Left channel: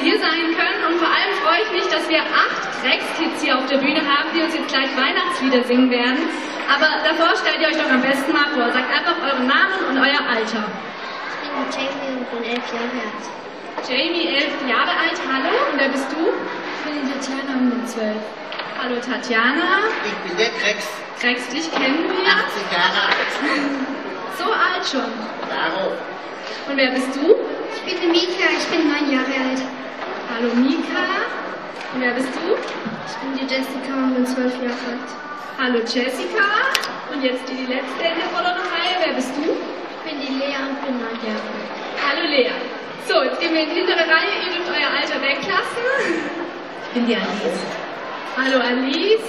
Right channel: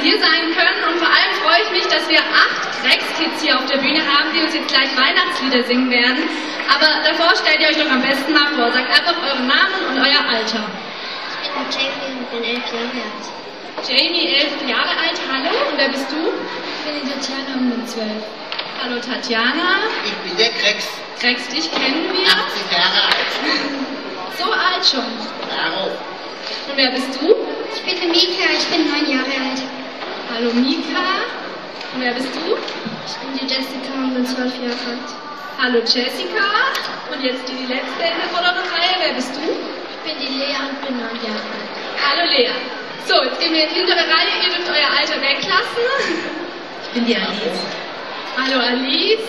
Sie hier sein können. Und vor allem freue ich mich, dass wir 8 Krex-Kids hier auf der Bühne haben, die uns jetzt gleich Weihnachtslieder singen werden. Aber davor stellt ihr euch doch am besten mal vor. Sagt einfach euren Namen und euer Alter. Ich bin Jamie und bin 11 Jahre alt. Jamie, 11 Jahre alt. Hallo, und wer bist du? Ich bin die Tatjana und bin 12. Hallo Tatjana. Ich bin der Krex. Krex, dich kennen wir. 80 Jahre alt. So alt schon. Darauf. Und wer bist du? Ich bin die Mika, ich bin 9 Jahre alt. Hallo Mika. Und wer bist du? Ich bin die Jessica und bin 12 Jahre alt. Hallo Jessica. Und jetzt die letzte in der vorderen Reihe. Wer bist du? Ich bin die Lea und bin 9 Jahre alt. Hallo Lea. So, jetzt gehen wir in die hintere Reihe. Ihr dürft euer Alter weglassen. Ich bin die Alice. Hallo Alice.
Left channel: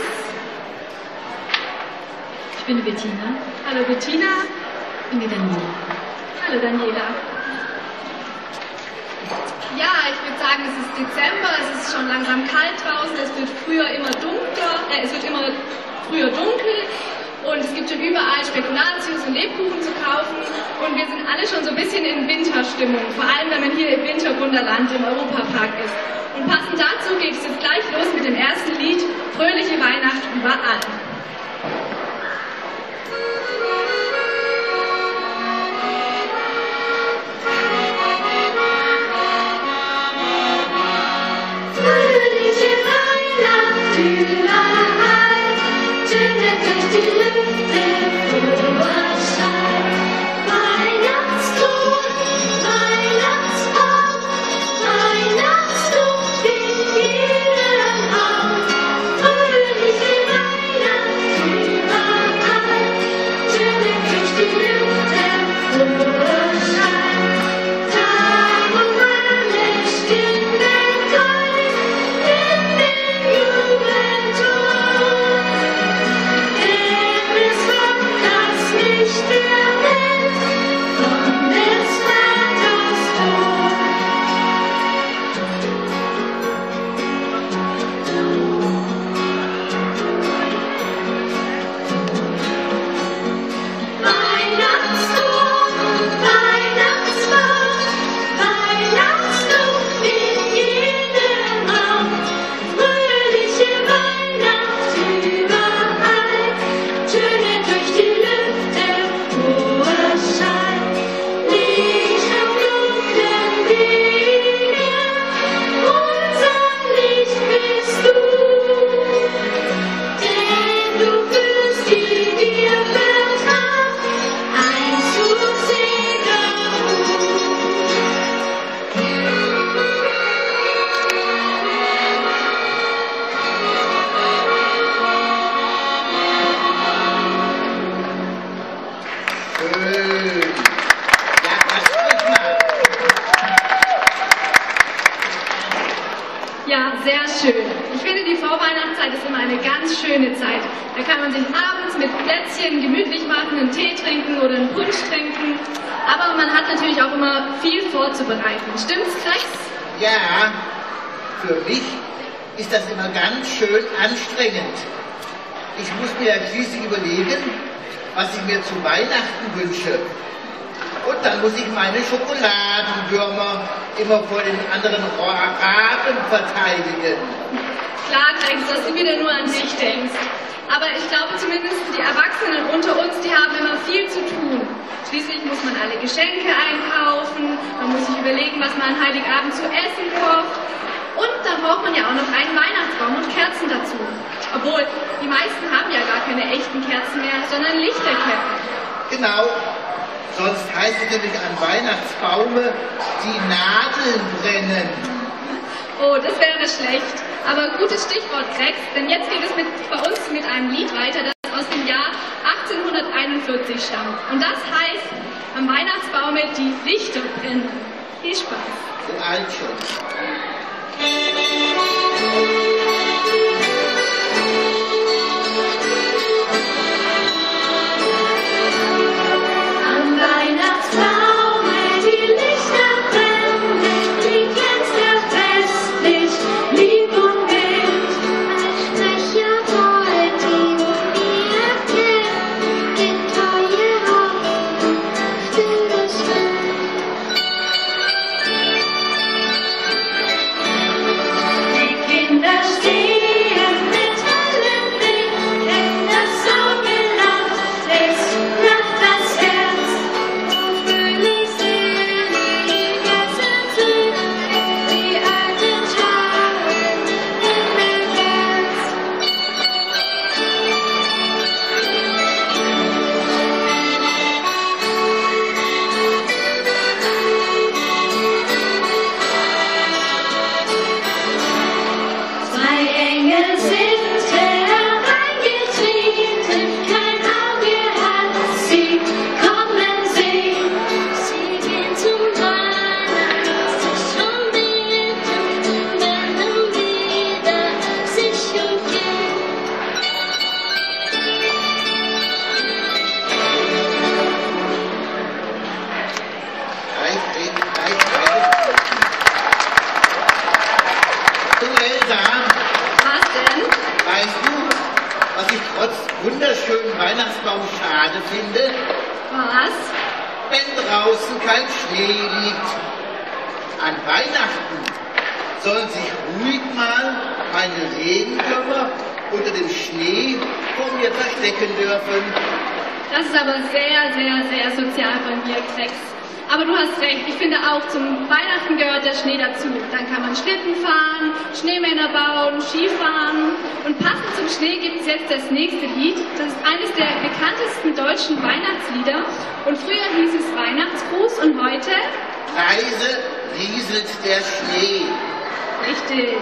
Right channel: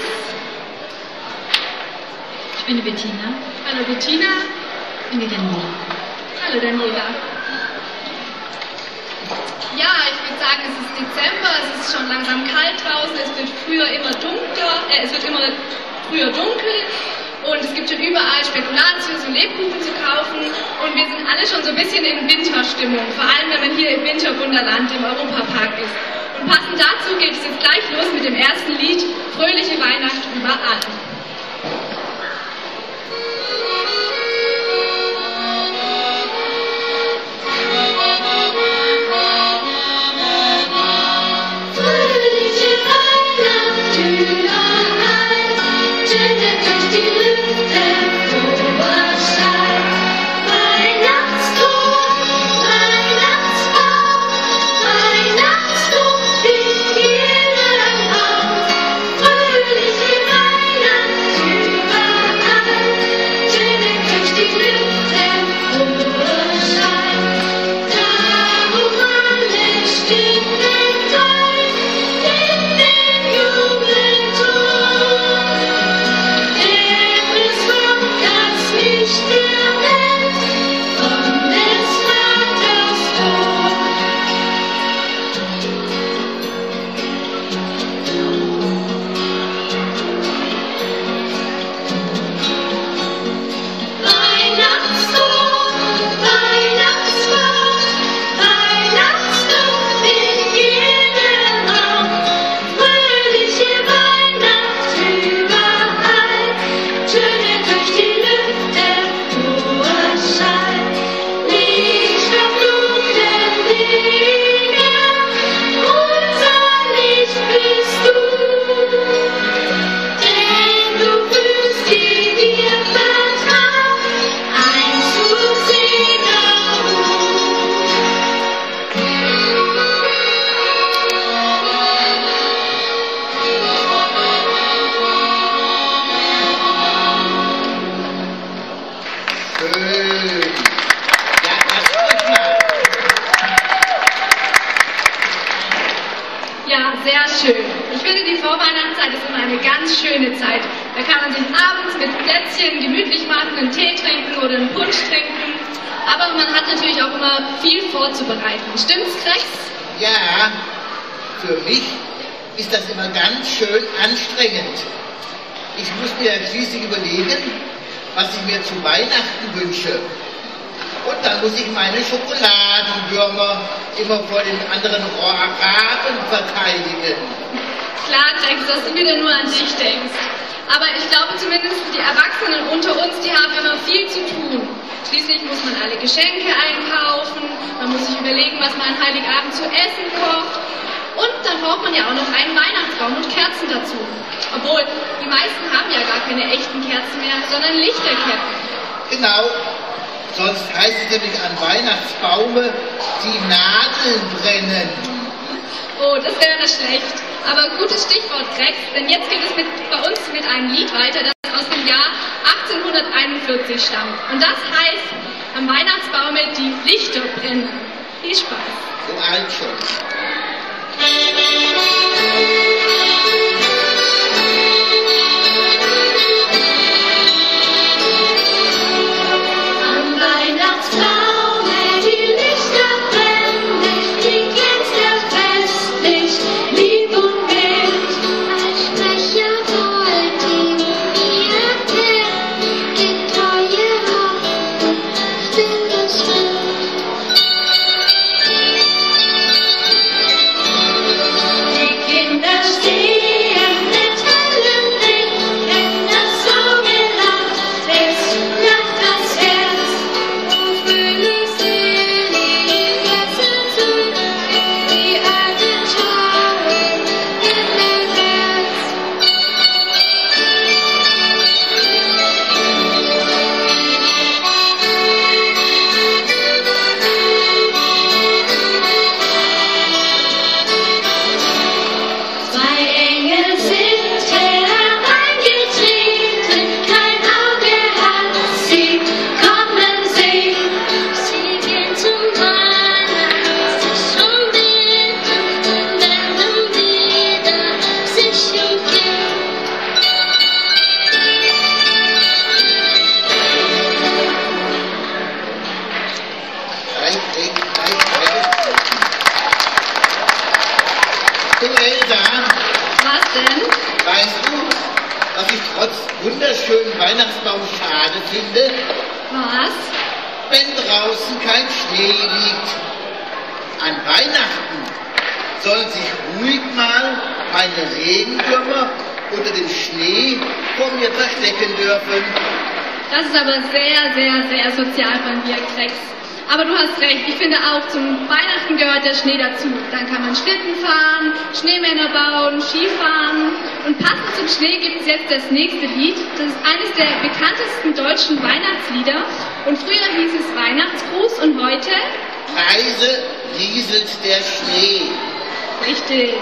Ich bin die Bettina. Hallo Bettina. Ich bin die Daniela. Hallo Daniela. Ja, ich würde sagen, es ist Dezember, es ist schon langsam kalt draußen, es wird früher immer früher dunkel und es gibt schon überall Spekulatius und Lebkuchen zu kaufen und wir sind alle schon so ein bisschen in Winterstimmung, vor allem wenn man hier im Winterwunderland im Europapark ist. Und passend dazu geht es jetzt gleich los mit dem ersten Lied, Fröhliche Weihnacht überall. Ja, sehr schön. Ich finde, die Vorweihnachtszeit ist immer eine ganz schöne Zeit. Da kann man sich abends mit Plätzchen gemütlich machen, einen Tee trinken oder einen Punsch trinken. Aber man hat natürlich auch immer viel vorzubereiten. Stimmt's, Krex? Ja, für mich ist das immer ganz schön anstrengend. Ich muss mir ja schließlich überlegen, was ich mir zu Weihnachten wünsche. Und dann muss ich meine Schokoladenwürmer immer vor den anderen Raben verteidigen. Klar, Krex, dass du wieder nur an dich denkst. Aber ich glaube zumindest die Erwachsenen unter uns, die haben immer viel zu tun. Schließlich muss man alle Geschenke einkaufen, man muss sich überlegen, was man an Heiligabend zu essen kocht. Und dann braucht man ja auch noch einen Weihnachtsbaum und Kerzen dazu. Obwohl, die meisten haben ja gar keine echten Kerzen mehr, sondern Lichterketten. Genau. Sonst heißt es nämlich an Weihnachtsbaume, die Nadeln brennen. Oh, das wäre schlecht. Aber gutes Stichwort, Krex, denn jetzt geht es bei uns mit einem Lied weiter, das aus dem Jahr 1841 stammt. Und das heißt, am Weihnachtsbaume die Lichter brennen. Viel Spaß. So alt schon. ich trotz wunderschönen Weihnachtsbaum schade finde? Was? Wenn draußen kein Schnee liegt. An Weihnachten sollen sich ruhig mal meine Regenwürmer unter dem Schnee vor mir verstecken dürfen. Das ist aber sehr, sehr, sehr sozial bei mir, Krex. Aber du hast recht, ich finde auch, zum Weihnachten gehört der Schnee dazu. Dann kann man Schlitten fahren, Schneemänner bauen, Skifahren. Und passend zum Schnee gibt es jetzt das nächste Lied. Das ist eines der bekanntesten deutschen Weihnachtslieder. Und früher hieß es Weihnachtsgruß und heute? Leise rieselt der Schnee. Richtig.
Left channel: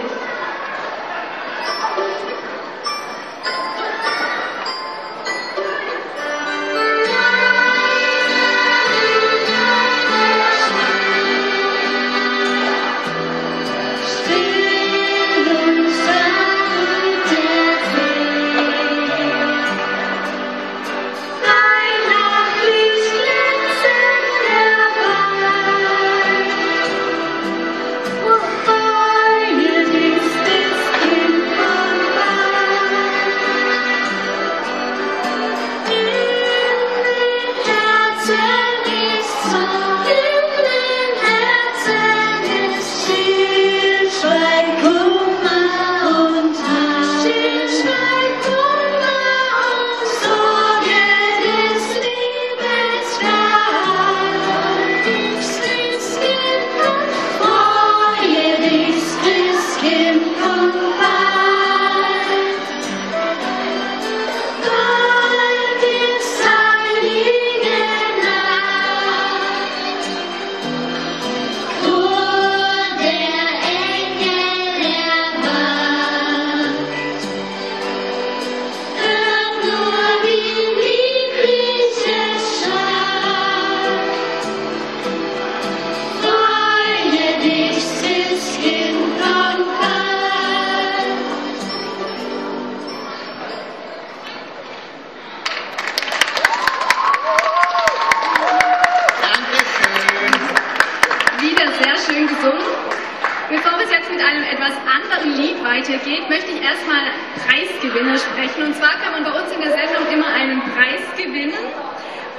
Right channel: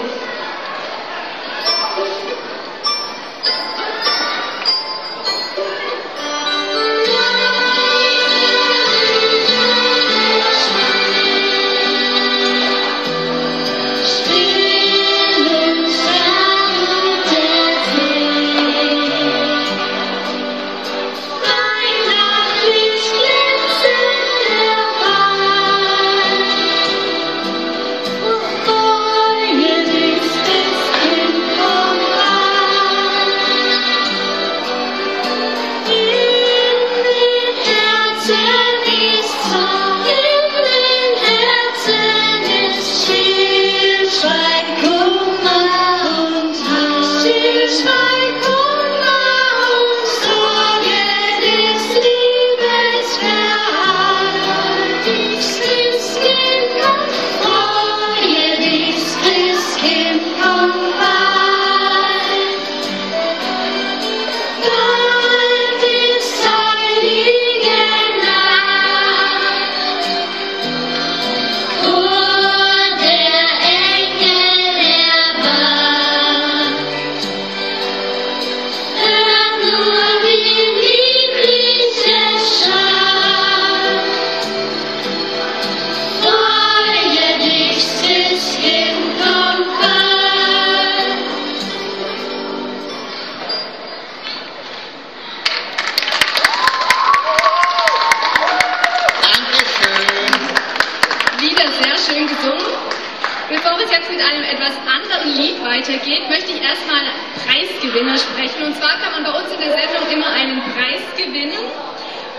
Weitergeht, möchte ich erstmal Preisgewinner sprechen. Und zwar kann man bei uns in der Sendung immer einen Preis gewinnen.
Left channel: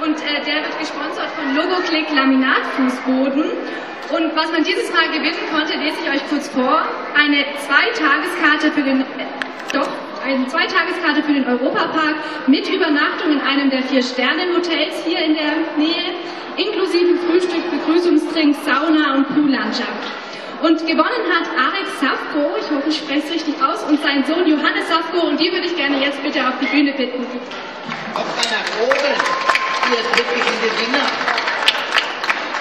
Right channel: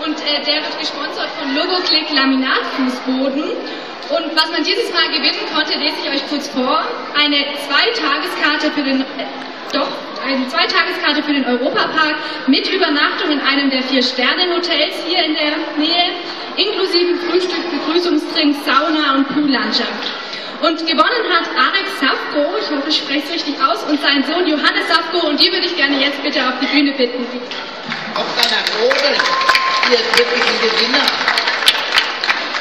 Und der wird gesponsert von Logoclick Laminatfußboden. Und was man dieses Mal gewinnen konnte, lese ich euch kurz vor. Eine Zweitageskarte für den Europapark mit Übernachtung in einem der 4-Sterne-Hotels hier in der Nähe, inklusive Frühstück, Begrüßungsdrinks, Sauna und Poollandschaft. Und gewonnen hat Arek Safko, ich hoffe, ich spreche es richtig aus, und sein Sohn Johannes Safko, und die würde ich gerne jetzt bitte auf die Bühne bitten. Kommt mal nach oben, hier ist wirklich ein Gewinner.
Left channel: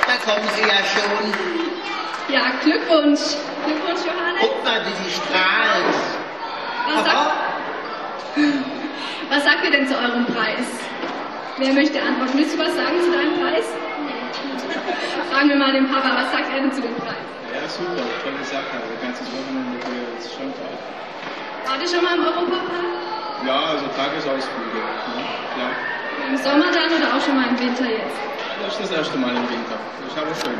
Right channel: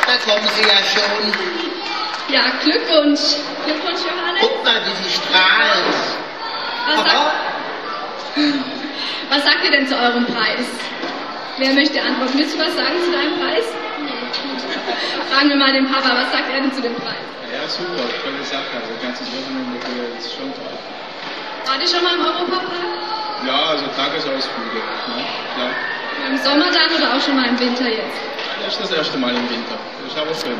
Da kommen Sie ja schon. Ja, Glückwunsch. Glückwunsch, Johannes. Guck mal, wie Sie strahlen. Was sagt ihr denn zu eurem Preis? Wer möchte antworten? Willst du was sagen zu deinem Preis? Fragen wir mal den Papa, was sagt er denn zu dem Preis? Ja, super, tolle Sache. Also ganzes Wochenende ist schon toll. Wart ihr schon mal im Europapark? Ja, also Tagesausflüge. Ja, klar. Im Sommer dann oder auch schon mal im Winter jetzt? Das ist das erste Mal im Winter. Das ist aber schön.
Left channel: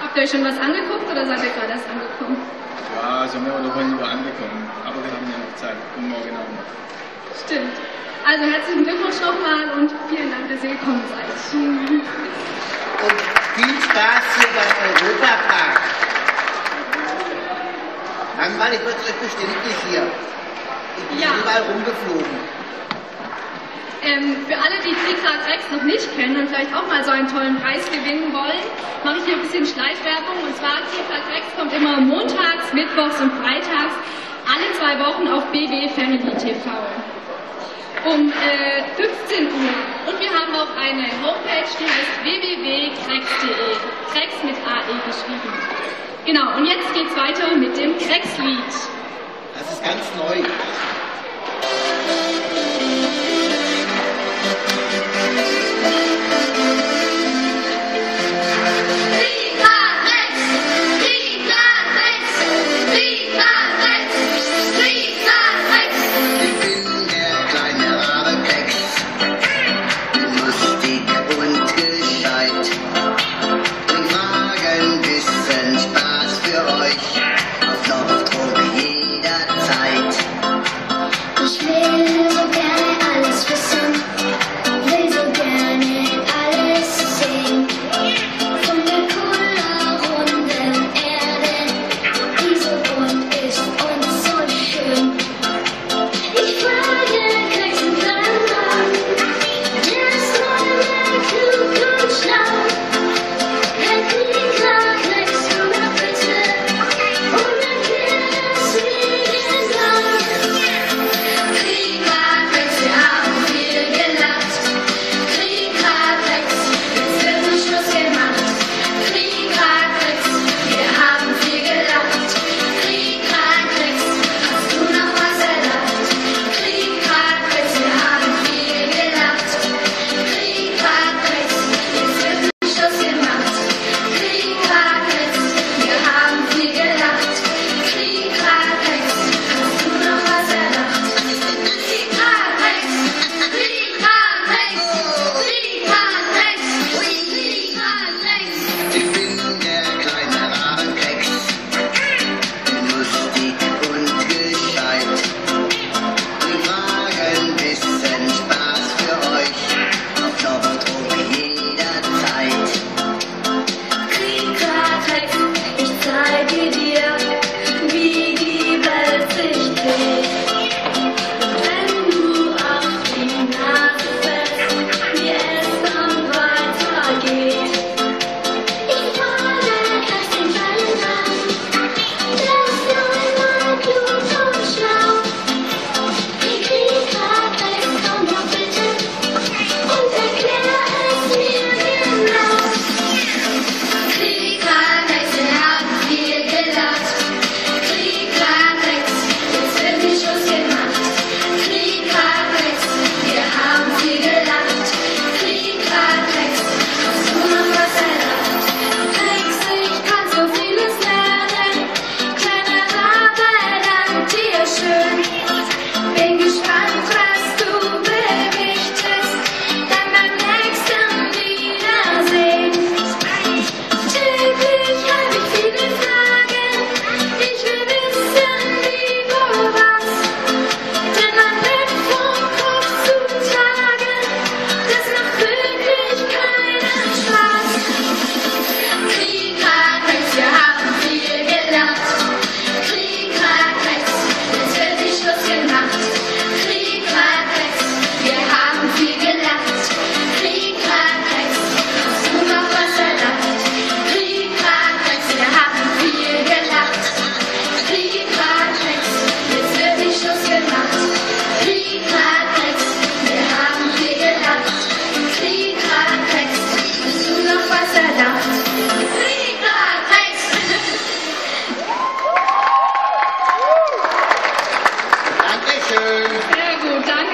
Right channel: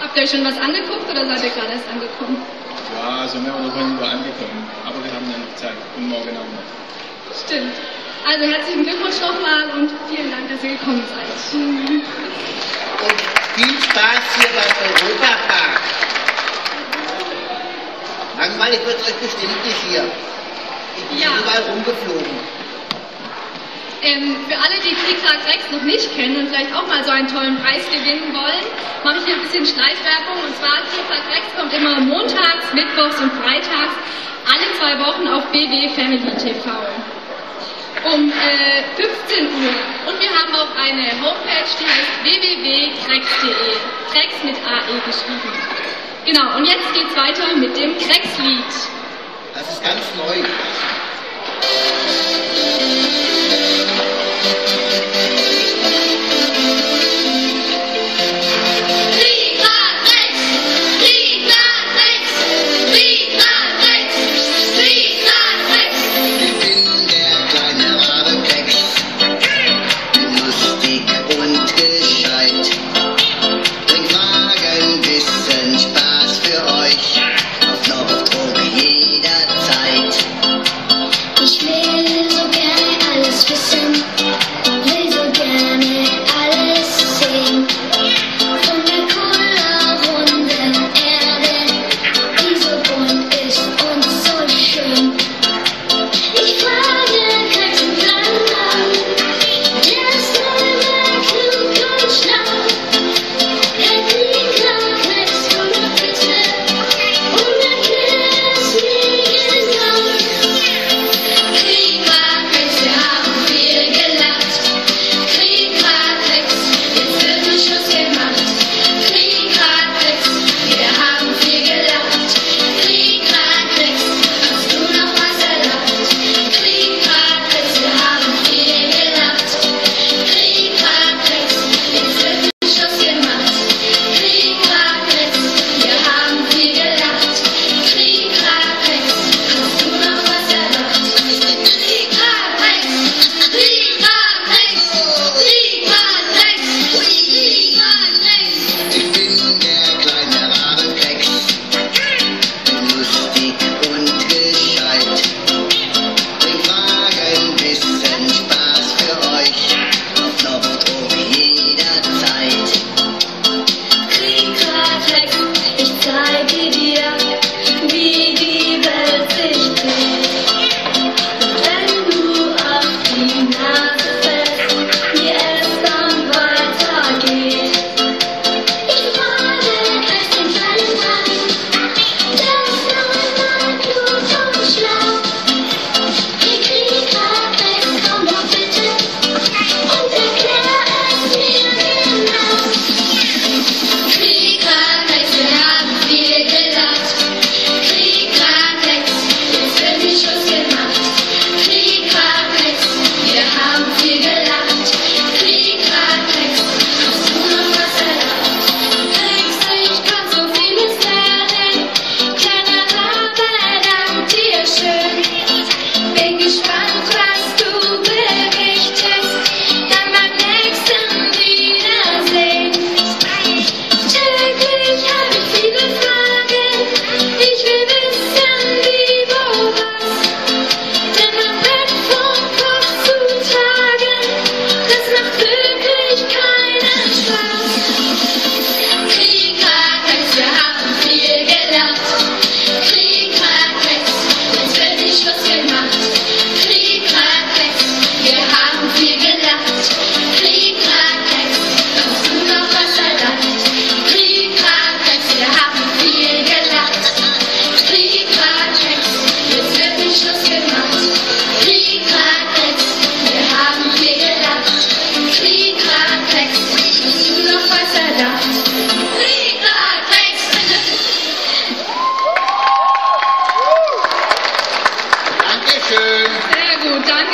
Habt ihr euch schon was angeguckt oder seid ihr gerade erst angekommen? Ja, also mehr oder weniger angekommen. Aber wir haben ja noch Zeit und morgen auch noch. Stimmt. Also herzlichen Glückwunsch nochmal und vielen Dank, dass ihr gekommen seid. Und viel Spaß hier beim Europapark. Langweilig wird es euch bestimmt nicht hier. Ich bin überall rumgeflogen. Für alle, die Trickrack Rex noch nicht kennen und vielleicht auch mal so einen tollen Preis gewinnen wollen, mache ich hier ein bisschen Schleifwerbung. Und zwar, Trickrack Rex kommt immer montags, mittwochs und freitags alle 2 Wochen auf BW Family TV. Um 15 Uhr. Und wir haben auch eine Homepage, die heißt www.krex.de. Krex mit AE geschrieben. Genau, und jetzt geht's weiter mit dem Krex-Lied. Das ist ganz neu. Spaß für euch, auf Knopfdruck jederzeit.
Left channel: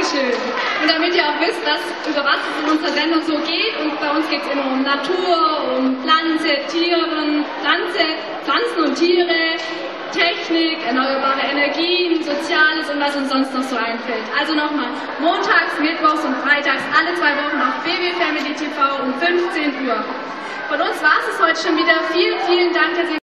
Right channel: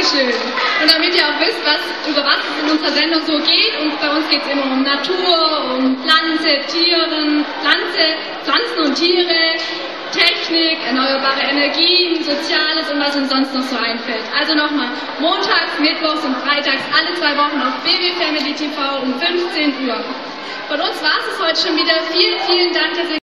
Dankeschön. Und damit ihr auch wisst, über was es in unserer Sendung so geht, und bei uns geht es immer um Natur, um Pflanzen und Tiere, Technik, erneuerbare Energien, Soziales und was uns sonst noch so einfällt. Also nochmal, montags, mittwochs und freitags, alle 2 Wochen auf BW Family TV um 15 Uhr. Von uns war es heute schon wieder. Vielen, vielen Dank, dass ihr